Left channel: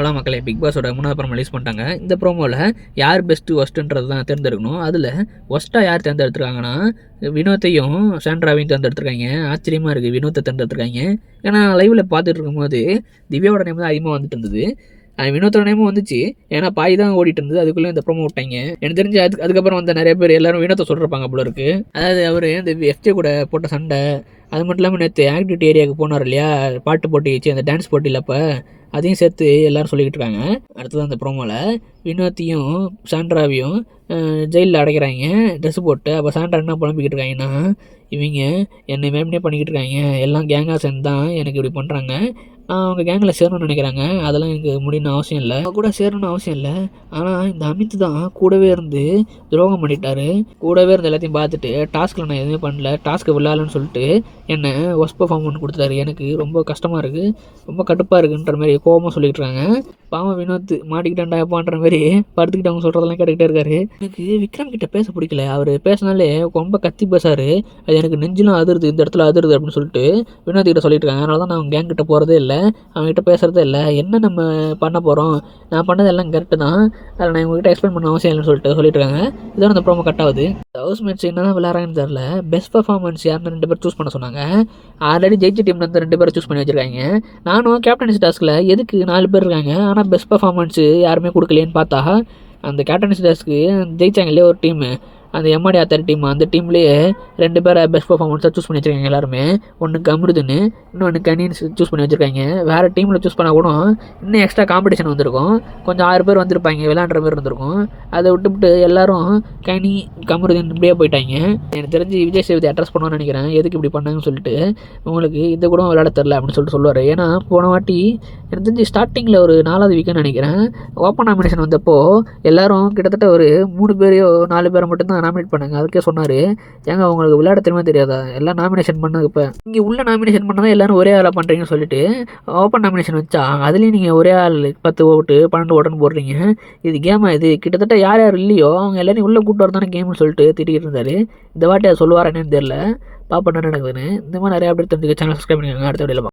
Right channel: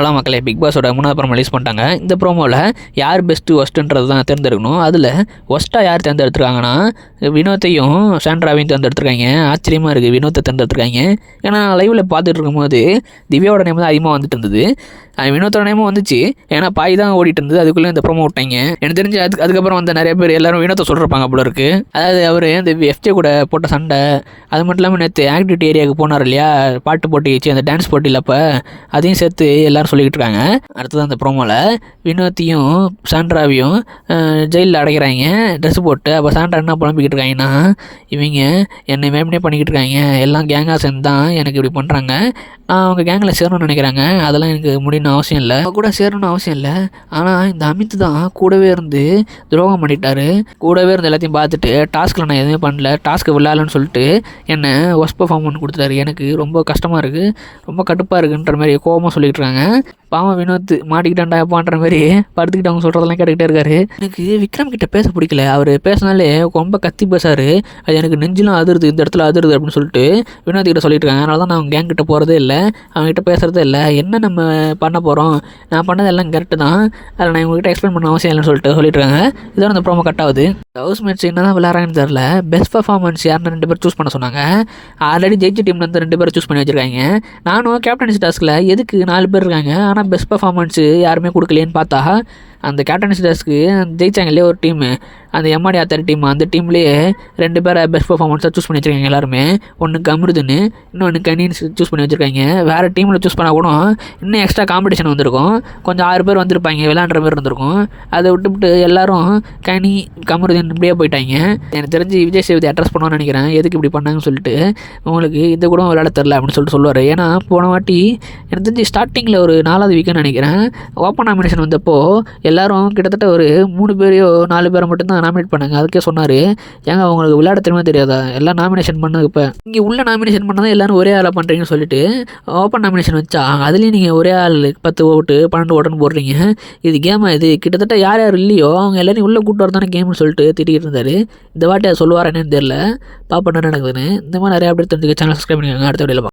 Hello மக்களே. Big பாஸோட மூணாவது promo release பண்ணிட்டாங்க. இந்த ப்ரோமோவில் யார் பெஸ்ட்டு ஒஸ்ட்டுன்றது தான் தேர்ந்தெடுக்கணும். அதில் ஒஸ்ட்டாக யார் தேர்ந்தெடுத்துருக்காங்கன்னா வினோத்தையும் சாண்ட்ராவையும் தேர்ந்தெடுத்துருக்காங்க. ஆச்சரியமாக இருக்குது வினோத்தை தேர்ந்தெடுத்துருக்காங்க. ஏன்னா லைவில் பார்த்துட்டு இருக்கும்போது திவ்யாவோட நேம் தான் அதிகமாக வந்துட்டு இருந்தது. வினோத்தோட நேமும் வந்துச்சு. ஏன்னா பாய் தான் ஓடிட்டு இருந்தது அதுக்குள்ளே இந்த ப்ரோமோ விட்டாங்க. எனக்கு தெரிஞ்சு அதுக்கு அதுக்கப்புறம் வந்து நிறைய பேர் எல்லாரும் வினோத்தை சொல்லிருப்பாங்க போல இருக்கு. அதாவது அவர் இந்த எஃப்ஜே கூட போட்ட சண்டை அது மட்டும் இல்லாமல் நேற்று ஆக்டிவிட்டி ஏரியாவுக்கு போனார் இல்லையா? பாட்டு போட்டி வச்சு அந்த டான்ஸ் போட்டியில் அப்போ அதையும் சேர்த்து எல்லாரும் சொல்லிக்கிட்டு இருக்காங்க. அடுத்தது அந்த ப்ரோமோவில் வினோத்தையும் சாண்ட்ராவையும் ஜெயிலில் அடைக்கிறாங்க. ட்ரெஸ் போட்டு அப்போ சாண்ட்ரா என்ன புலம்பிக்கிட்டு இருக்காங்கன்னா இவங்க என்னை மேம்னே பண்ணிக்கிட்டு இருக்காங்க. எல்லாம் கேங்காக சேர்ந்து தான் எனக்கு இப்படி பண்ணுறாங்க நான் அவங்க கேங்கில் சேரணும்னு நினைக்கிறாங்க. அதெல்லாம் எனக்கு முடியணும்னு அவசியம் இல்லை. அவங்க கூட சேரணும்னு அவசியம் இல்லை. ஆனால் இந்த அமித் தான் கூடவே இருந்து துரோகம் பண்ணிட்டாரு. கூடவே இருந்து எல்லாத்தையும் பார்த்துட்டு டாஸ்கில் நான் எதுவுமே பண்ணல. டாஸ்க்கு விளையாடலன்னு சொல்லிட்டு என்னை ஒஸ்ட் பர்ஃபார்ம் பண்ணி கொடுத்துட்டாரு. எனக்கு ரொம்ப கஷ்டமாக இருக்குது ரொம்ப கடுப்பாக இருக்குன்ற மாதிரி கோபமாக சொல்லிட்டு இருக்காங்க. பாவம் வினோத் மாட்டிக்கிட்டாண்டா எப்பான்ற மாதிரி படுத்துக்கிட்டு அவங்க சொல்கிறதெல்லாம் கேட்டுக்கிட்டே இருக்காரு. எனக்கு விக்ரம் கிட்ட பேச பிடிக்கல. அவர் பேசினாலே ரொம்ப கத்தி பேசாரு. அது எனக்கு நெஞ்சிலும் அதிருது இந்த இடத்துல அதிருது அப்படின்னு சொல்லிட்டு வினோத் கிட்ட சொல்லிட்டு இருக்காங்க. அதனால தான் நான் அவங்க கேங் கிட்ட போகிறதே இல்லை. அவங்ககிட்ட பேசுகிறதே இல்லை என்ன நம்ம பண்ண போகிறோம் நான் பண்ணதெல்லாம் கரெக்டு தான். அதில் நான் உங்ககிட்ட எக்ஸ்பிளைன் பண்ண அவசியம் இல்லைன்னு சொல்லிட்டு சொல்லிட்டு இருக்காங்க இதோட இந்த ப்ரோமோ கட் ஆகுது. ஹவுஸ் மேட்ச் என்ன தான் விளையாடுறாங்கன்னு தெரில பெஸ்ட் பர்ஃபார்மன்ஸ் யாருன்னு ரெண்டு பேர் சூஸ் பண்ண சொன்னாங்க. ஆல்ரெடி ஜெயிச்ச டீம்லேருந்து ரெண்டு பேரை சூஸ் பண்ணி வச்சிருக்காங்க. நானும் கேப்டன்சி டாஸ்கில் எதுக்கு நாலு பேர் இருக்காங்க? ஆனால் பெஸ்ட் பர்ஃபார்மன்ஸு யாருமே கொடுக்கலையேன்னு பார்த்தா அந்த கேப்டன்சி டாஸ்க்கு ஜெயிச்சாங்க இல்லையா ஒரு டீமு அந்த எம்ஆடி ஆத்தர் டீம் அந்த டீம்லேயே ரெண்டு பேரை பெஸ்ட் பர்ஃபார்மன்ஸாக சூஸ் பண்ணி வச்சுருக்காங்க எல்லாருமே. ஒன்று கமிருதுன்னு இன்னொன்று கனின்னு சூஸ் பண்ணி வச்சிருக்காங்க. வேறு டீமில் சூஸ் பண்ணால் கூட இன்னும் எக்ஸ்ட்ரா காம்படிஷன் வந்திருக்கும். கொஞ்சம் ஆறு பேர் வந்திருப்பாங்க விளையாடுற மாதிரி இருந்திருக்கும். அதை விட்டுவிட்டு எல்லாரும் கனி கமருதீன் இப்படியே போயிட்டாங்க. எனக்கு தெரிஞ்சு விஜய் சேவதி அட்ரஸ் பண்ணுவான்னு நினைக்கிறேன். எதுக்கு இப்படி பண்ணாங்கன்னு சொல்லிட்டு உங்களுக்கு இதை கூட விளையாட தெரில அப்படின்னு சொல்லிட்டு சொல்லுவார். ஏன்னா போன வாட்டி எனக்கு தெரிஞ்சு ஸ்டார்டிங்கில் ஒரு நாலாவது வீக்குன்னு நினைக்கிறேன். ஓப்பன் நாமினேஷன் வந்தப்போ எல்லாரும் கிட்டத்தட்ட ஒரு மூணு பேரையோ நாலு பேரை மட்டும்தான் நாமினேட் பண்ணாங்க. அதுக்கே சொன்னார் ஏங்க உங்களுக்கு விளையாட தெரியுமா தெரியாதா? எல்லாம் நாமினேஷன் பண்ணது இப்போ. இங்கே உள்ள நாமினேஷன் பண்ணதான் எல்லாரும் ஒரே ஆளாக பண்ணுறீங்கன்னு சொல்லிட்டு ஓப்பன் நாமினேஷன் வச்சா அதுலேயும் நீங்கள் ஒரே ஆள் பத்து ஓட்டு பன்னெண்டு ஓட்டுன்னு போடுறீங்க. இது கேமா இது? கிட்டத்தட்ட யார் யார் இல்லையோ அவங்க எல்லாரையும் உள்ளே கூட்டு வரதானே கேம்னு சொல்லிட்டு திட்டிகிட்டு இருந்தார். இந்த வாட்டி அதை சொல்லுவார் என்னன்னு தெரியல. பாப்பா என்ன நடக்குதுன்னு. இந்த மாதிரி நிறையா அப்படி தெரிஞ்சுக்க சேனல் சப்ஸ்கிரைப் பண்ணிக்கோங்க. அடுத்த வீடியோவில்